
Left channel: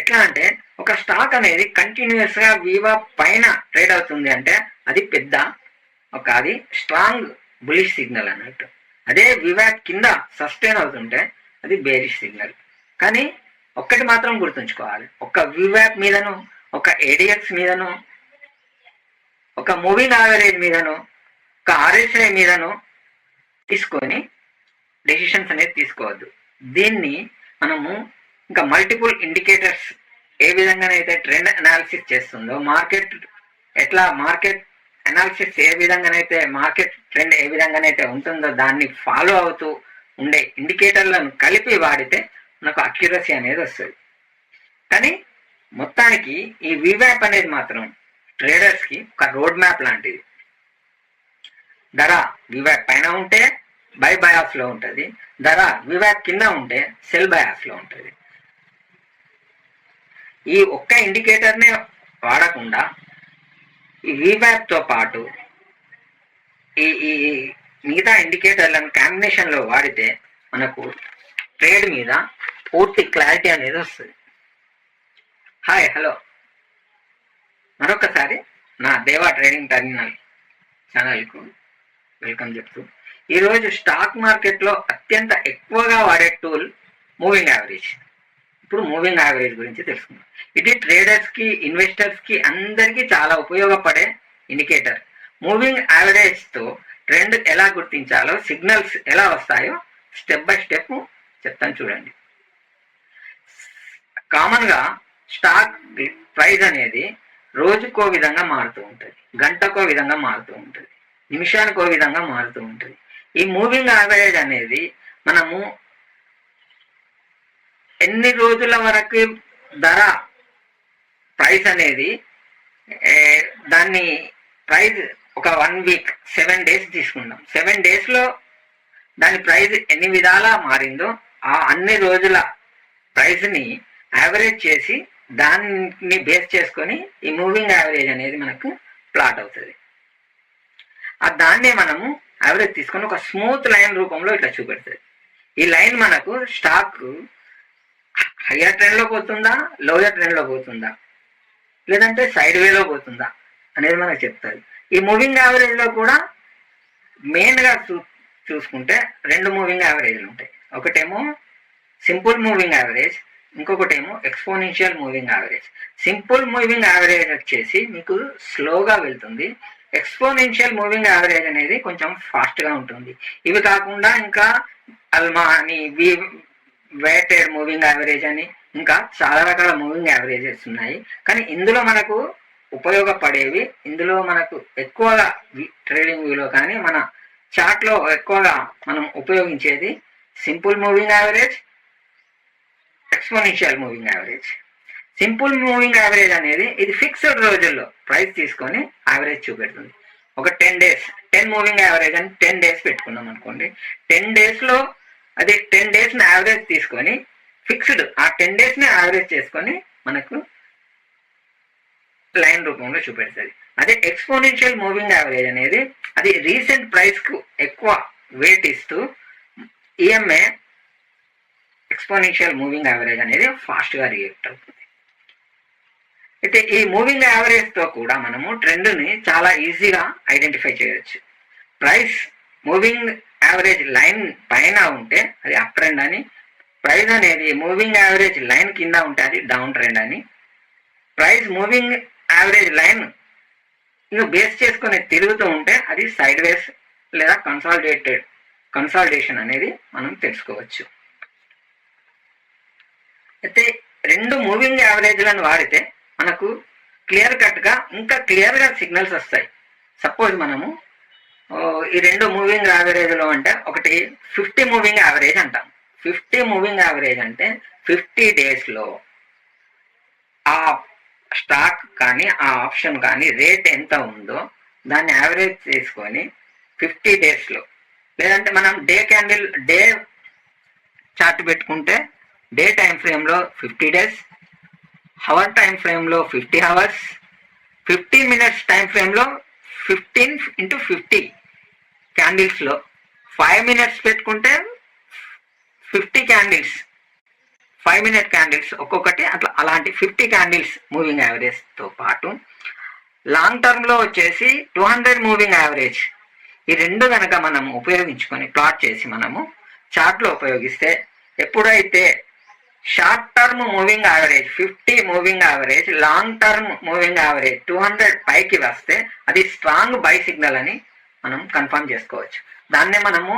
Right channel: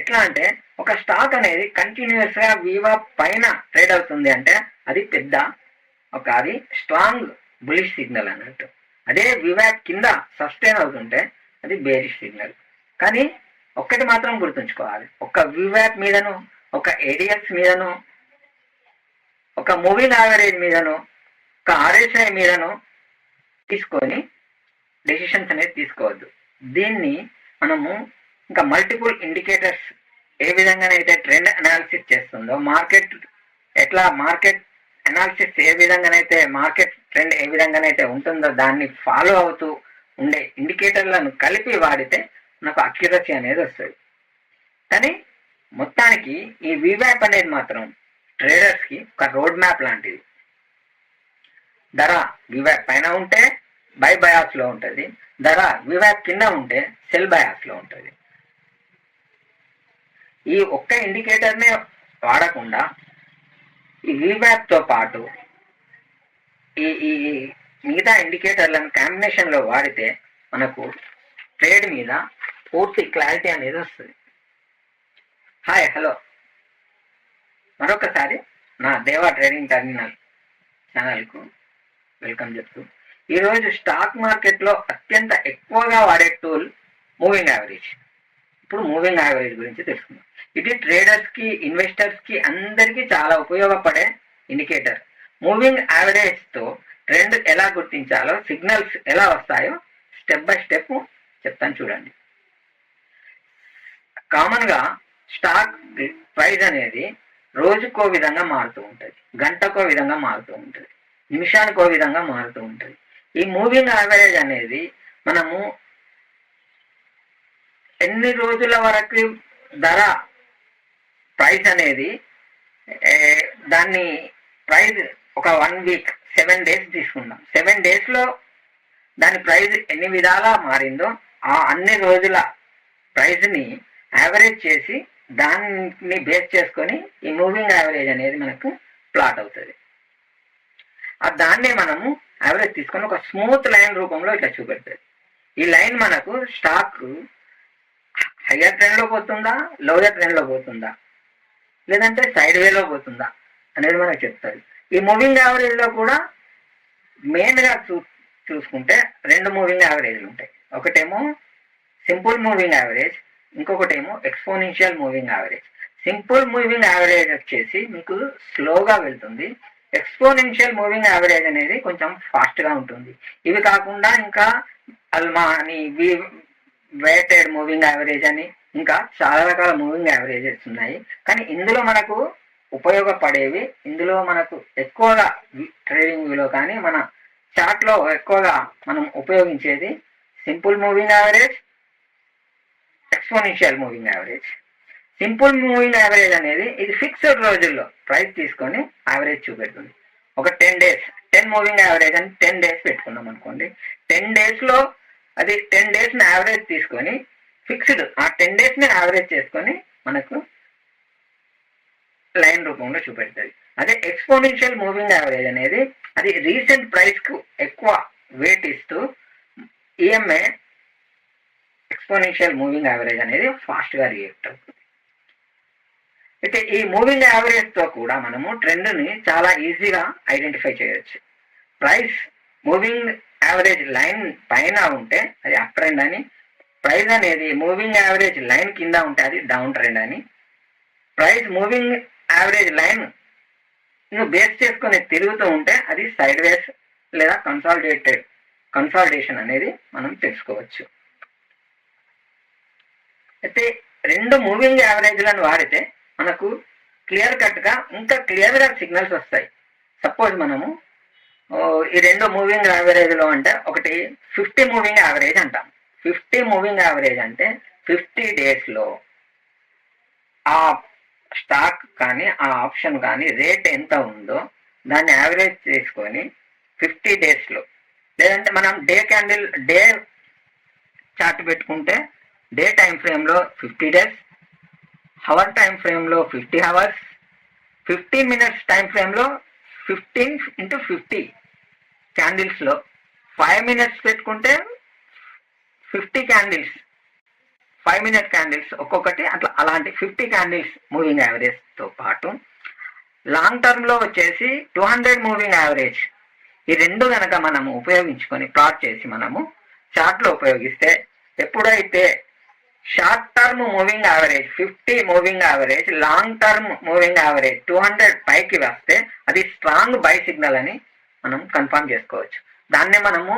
ఎట్లా అంటే ఒక స్టాక్ అనేది కంటిన్యూస్ గా వివాప్ పైన ట్రేడ్ అవుతుంది అంటే అది అది స్ట్రాంగ్ బులిష్ సిగ్నల్ అన్నట్టు. అదే వివాప్ కింద సస్టైన్ అవుతుంటే అది బేరిష్ సిగ్నల్. కానీ ఒక్కటి మాత్రం గుర్తుంచుకోవాలి, ఒక వివాప్ మీదను, ఒక ADX మీదను, ఒక మూవింగ్ యావరేజ్ మీదను, ఒక RSI మీదను తీసుకొని డెసిషన్స్ అనేది తీసుకోవద్దు. దీన్ని మనము ఇంకా మల్టిపుల్ ఇండికేటర్స్ ఏ విధంగానైతే ట్రెండ్ అనాలిసిస్ చేస్తుందో, మార్కెట్ అనాలిసిస్ ఏ విధంగానైతే, మార్కెట్ ట్రెండ్ ఏ విధంగానైతే ఉంటుందో దాన్ని ఫాలో అవుతూ ఉండే ఇండికేటర్లను కలిపి వాడితే మనకు అక్యురసీ అనేది వస్తుంది. కానీ మొత్తానికి ఈ వివాప్ అనేది మాత్రం ట్రేడర్స్ కి ఒక రోడ్ మ్యాప్ లాంటిది. ధర వివాప్ పైన ఉంటే బయాస్ లో ఉంటుంది, ధర వివాప్ కింద ఉంటే సెల్ బయాస్ లో ఉంటుంది. ఈ ఒక్క ఇండికేటర్నే వాడకుండా ఈ వివాప్ తో పాటు ఈ మిగతా ఇండికేటర్లను కాంబినేషన్లో వాడితే మనకు ట్రేడ్ మీద పూర్తి క్లారిటీ అనేది వస్తుంది. హాయ్, హలో, మరొకసారి నా దేవా ట్రేడింగ్ టర్మినల్ ఛానల్కు వెల్కమ్ చెప్తూ, ఈరోజు స్టాక్ మార్కెట్లో అత్యంత ఎక్కువగా వాడే టూల్ మూవింగ్ యావరేజ్. ఇప్పుడు మూవింగ్ యావరేజ్ గురించి తెలుసుకుందాం. ఇది ట్రేడర్స్కి, ఇన్వెస్టర్స్కి అందరికీ చాలా ఉపయోగపడే ఇండికేటర్. మూవింగ్ యావరేజ్తో ట్రెండ్ ఎలా గుర్తించాలో, సిగ్నల్స్ ఎలా వస్తాయో స్టెప్ బై స్టెప్ చెప్తాను చూడండి. కామన్గా స్టాక్ ప్రైస్ అనేది రోజుకో విధంగా మారుతూ ఉంటుంది, గంటకో విధంగా మారుతూ ఉంటుంది, నిమిషానికో విధంగా మారుతూ ఉంటుంది. ఈ మూవింగ్ యావరేజ్ అనేది మనము ఎన్ని రోజుల వరకు ధర ప్రైస్ అనేది దాన్ని ప్రైస్ ఒక 1 వీక్ 7 days తీసుకుందాం. 7 daysలో దాని ప్రైస్ ఎన్ని విధాలా మారిందో ఆ అన్ని రోజుల ప్రైస్ని యావరేజ్ చేసి దాన్ని బేస్ చేసుకొని ఈ మూవింగ్ యావరేజ్ అనేది మనకు ప్లాట్ అవుతుంది. దాన్నే మనము యావరేజ్ తీసుకొని ఒక స్మూత్ లైన్ రూపంలో ఇట్లా చూపెడుతుంది. ఈ లైన్ మనకు స్టాక్ హయ్యర్ ట్రెండ్లో పోతుందా, లోయర్ ట్రెండ్లో పోతుందా, లేదంటే సైడ్ వేలో పోతుందా అనేది మనకు చెప్తుంది. ఈ మూవింగ్ యావరేజ్లో కూడా మెయిన్గా చూసుకుంటే 2 మూవింగ్ యావరేజ్లు ఉంటాయి. ఒకటేమో సింపుల్ మూవింగ్ యావరేజ్, ఇంకొకటేమో exponential moving average. Simple moving average వచ్చేసి మీకు స్లోగా వెళ్తుంది, ఎక్స్పోనెన్షియల్ మూవింగ్ యావరేజ్ అనేది కొంచెం ఫాస్ట్గా ఉంటుంది. ఇవి కాకుండా ఇంకా అల్మా అని, వెయిటెడ్ మూవింగ్ యావరేజ్ అని, ఇంకా చాలా రకాల మూవింగ్ యావరేజెస్ ఉన్నాయి. కానీ ఇందులో మనకు ఉపయోగపడేవి, ఇందులో మనకు ఎక్కువగా ట్రేడింగ్ వ్యూలో కానీ మన చార్ట్లో ఎక్కువగా మనం ఉపయోగించేది simple moving average, exponential moving average. Simple moving average అనేది ఇది ఫిక్స్డ్ రోజుల్లో ప్రైస్ తీసుకొని యావరేజ్ చూపెడుతుంది. ఒక 10 days 10 మూవింగ్ యావరేజ్ అని 10 days పెట్టుకున్నాం అనుకోండి. 10 daysలో అది 10 daysని యావరేజ్ తీసుకొని ఫిక్స్డ్ ఆ 10 daysని యావరేజ్ చేసుకొని మనకు లైన్ రూపంలో చూపెడుతుంది. అదే ఎక్స్పోనెన్షియల్ మూవింగ్ యావరేజ్ అనేది అది రీసెంట్ ప్రైస్కు ఎక్కువ వెయిట్ ఇస్తూ ఈఎంఏ ఎక్స్పోనెన్షియల్ మూవింగ్ యావరేజ్ అనేది ఫాస్ట్గా రియాక్ట్ అవుతుంది. అయితే ఈ మూవింగ్ యావరేజ్తో కూడా మనము ట్రెండ్ని చాలా ఈజీగా ఐడెంటిఫై చేయవచ్చు. ప్రైస్ మూవింగ్ యావరేజ్ లైన్ పైన ఉంటే అది అప్ ట్రెండ్ అని, ప్రైస్ అనేది మూవింగ్ యావరేజ్ లైన్ కింద ఉంటే అది డౌన్ ట్రెండ్ అని, price moving average line base చేసుకొని తిరుగుతూ ఉంటే అది సైడ్ వేస్ లేదా కన్సాలిడేషన్ అనేది మనం తెలుసుకోవచ్చు. అయితే 2 మూవింగ్ యావరేజ్లను వాడితే మనకు క్లియర్ కట్గా ఇంకా క్లియర్గా సిగ్నల్స్ వస్తాయి. సపోజ్ మనము ఈ 2 మూవింగ్ యావరేజ్లో అంటే ఒకటి 50 మూవింగ్ యావరేజ్ అంటాం. 50 మూవింగ్ యావరేజ్ అంటే 50 daysలో ఆ స్టాక్ కానీ ఆ ఆప్షన్ కానీ రేట్ ఎంత ఉందో దాన్ని యావరేజ్ చేసుకొని 50 daysలో, లేదంటే మనం డే చార్ట్ పెట్టుకుంటే డే టైం ఫ్రేమ్లో 50 days, హవర్ టైం ఫ్రేమ్లో 50 hours, 15 minutes టైం ఫ్రేమ్లో 15 into 50 క్యాండిల్స్లో 5 minutes పెట్టుకుంటే 50 candles, 5-minute క్యాండిల్స్ ఒక్కొక్కటి అట్లా, అలాంటి 50 candles మూవింగ్ యావరేజ్తో పాటు లాంగ్ టర్మ్లో వచ్చేసి 200 మూవింగ్ యావరేజ్. ఈ 2 కనుక మనము ఉపయోగించుకొని ప్లాట్ చేసి మనము చార్ట్లో ఉపయోగిస్తే ఎప్పుడైతే short term moving average 50 moving average, long term moving average 200 పైకి వస్తే అది స్ట్రాంగ్ బై సిగ్నల్ అని మనం కన్ఫర్మ్ చేసుకోవచ్చు. దాన్నే మనము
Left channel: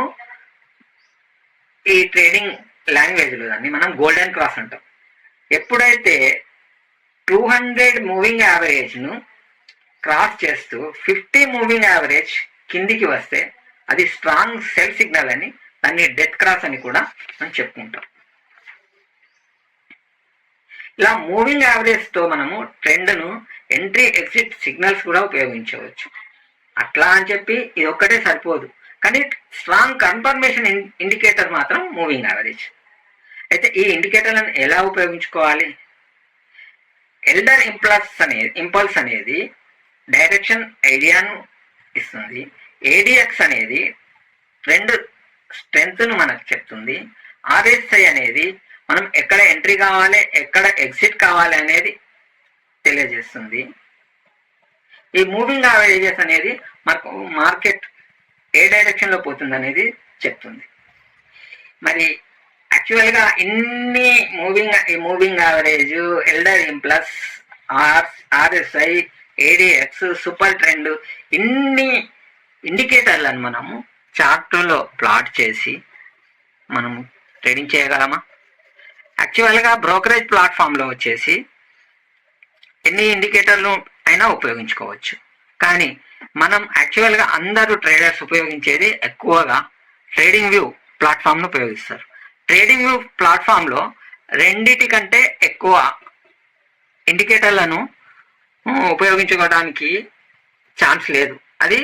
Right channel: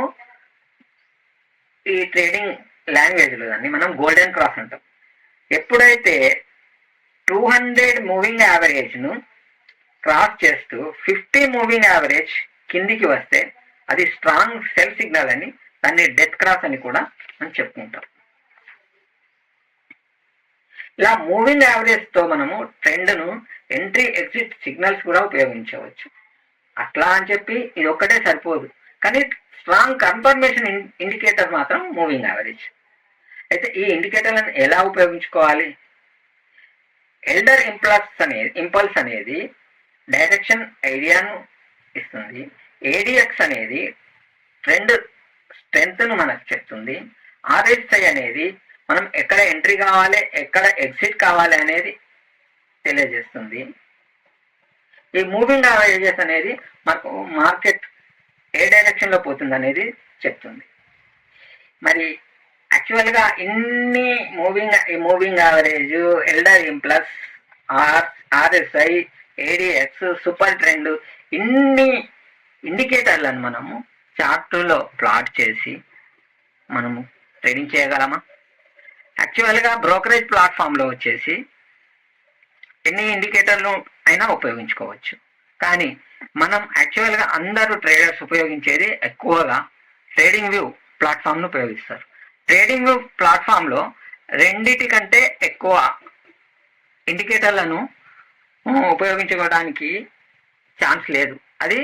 ఈ ట్రేడింగ్ లాంగ్వేజ్లో దాన్ని మనం గోల్డెన్ క్రాస్ అంటాం. ఎప్పుడైతే 200 మూవింగ్ యావరేజ్ను క్రాస్ చేస్తూ 50 మూవింగ్ యావరేజ్ కిందికి వస్తే అది స్ట్రాంగ్ సెల్ సిగ్నల్ అని, దాన్ని డెత్ క్రాస్ అని కూడా మనం చెప్పుకుంటాం. ఇలా మూవింగ్ యావరేజ్తో మనము ట్రెండ్ను ఎంట్రీ ఎగ్జిట్ సిగ్నల్స్ కూడా ఉపయోగించవచ్చు. అట్లా అని చెప్పి ఇది ఒక్కటే సరిపోదు, కానీ స్ట్రాంగ్ కన్ఫర్మేషన్ ఇండికేటర్ మాత్రం మూవింగ్ యావరేజ్. అయితే ఈ ఇండికేటర్లను ఎలా ఉపయోగించుకోవాలి? ఎల్డర్ ఇంపల్స్ అనేది డైరెక్షన్ ఐడియాను ఇస్తుంది. ఏడిఎక్స్ అనేది ట్రెండ్ స్ట్రెంగ్త్ను మనకు చెప్తుంది. ఆర్ఎస్ఐ అనేది మనం ఎక్కడ ఎంట్రీ కావాలి, ఎక్కడ ఎగ్జిట్ కావాలి అనేది తెలియజేస్తుంది. ఈ మూవింగ్ యావరేజెస్ అనేది మనకు మార్కెట్ ఏ డైరెక్షన్లో పోతుంది అనేది చెప్తుంది. మరి యాక్చువల్గా ఇన్ని moving average, elder implies, RSI, ADX, super trend, ఇన్ని ఇండికేటర్లను మనము చార్టులో ప్లాట్ చేసి మనము ట్రేడింగ్ చేయగలమా? యాక్చువల్గా బ్రోకరేజ్ ప్లాట్ఫామ్లో వచ్చేసి ఎన్ని ఇండికేటర్లు అయినా ఉపయోగించుకోవచ్చు. కానీ మనం యాక్చువల్గా అందరూ ట్రేడర్స్ ఉపయోగించేది ఎక్కువగా ట్రేడింగ్ వ్యూ ప్లాట్ఫామ్ను ఉపయోగిస్తారు. ట్రేడింగ్ వ్యూ ప్లాట్ఫామ్లో రెండిటి కంటే ఎక్కువ ఇండికేటర్లను ఉపయోగించుకోవడానికి ఛాన్స్ లేదు. అది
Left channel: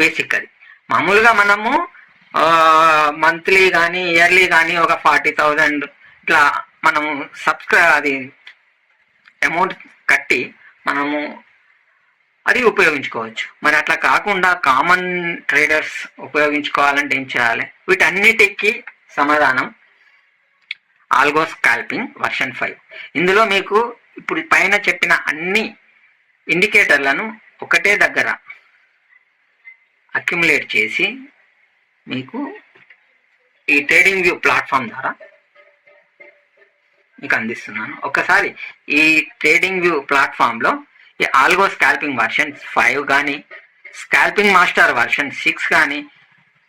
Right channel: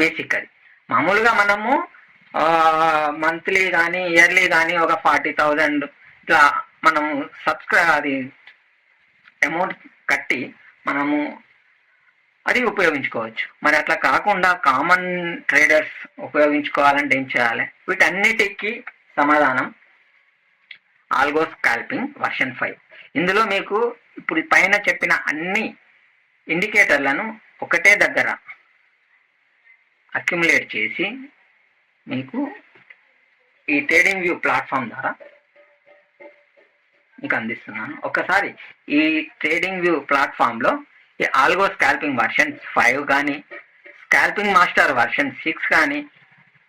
బేసిక్. అది మామూలుగా మనము మంత్లీ కానీ ఇయర్లీ కానీ ఒక 40,000 ఇట్లా మనము అది అమౌంట్ కట్టి మనము అది ఉపయోగించుకోవచ్చు. మరి అట్లా కాకుండా కామన్ ట్రేడర్స్ ఉపయోగించుకోవాలంటే ఏం చేయాలి? వీటన్నిటికీ సమాధానం ఆల్గో స్కాల్పింగ్ వర్షన్ 5. ఇందులో మీకు ఇప్పుడు పైన చెప్పిన అన్ని ఇండికేటర్లను ఒకటే దగ్గర అక్యుములేట్ చేసి మీకు ఈ ట్రేడింగ్ వ్యూ ప్లాట్ఫామ్ ద్వారా మీకు అందిస్తున్నాను. ఒకసారి ఈ ట్రేడింగ్ వ్యూ ప్లాట్ఫామ్లో ఈ ఆల్గో స్కాల్పింగ్ వర్షన్ 5 కానీ, స్కాల్పింగ్ మాస్టర్ వర్షన్ 6 కానీ,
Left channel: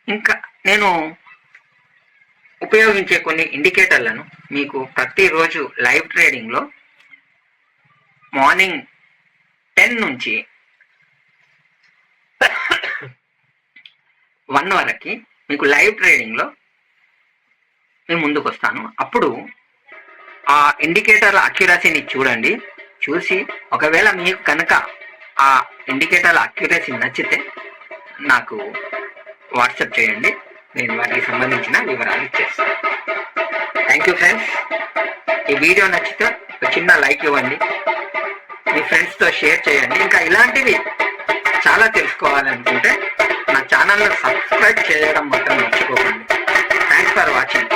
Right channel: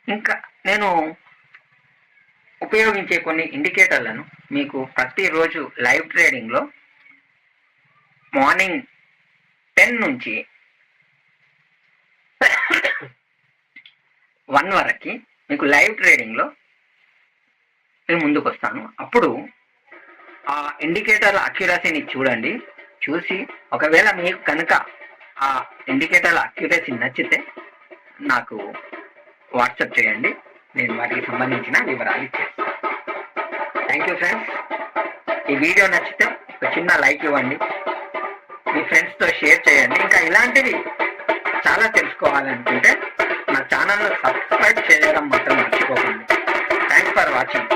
ఇంకా నేను ఉపయోగించే కొన్ని ఇండికేటర్లను మీకు ప్రతిరోజు లైవ్ ట్రేడింగ్లో మార్నింగ్ 10 నుంచి 1 వరకు మీకు లైవ్ ట్రేడింగ్లో నేను ముందుకు వస్తాను. అప్పుడు ఆ ఇండికేటర్ల అక్యురసీని చూడండి. చూసి ఒకవేళ మీకు కనుక ఆ ఇండికేటర్ల అక్యురసీ నచ్చితే నాకు వాట్సాప్ చేయండి, నేను వాటికి సంబంధించిన వివరాలు ఇచ్చేస్తాను. Thank you friends. ఈ వీడియో నచ్చితే ఒక చిన్న లైక్ ఇవ్వండి, మీ ఫ్రెండ్స్తో షేర్ చేయండి. ఇంకా ఇలాంటివి చాలా తెలుసుకోవాలనుకుంటే నా ఛానల్ను సబ్స్క్రైబ్ చేయడం మాత్రం మర్చిపోకండి. Thanks for watching.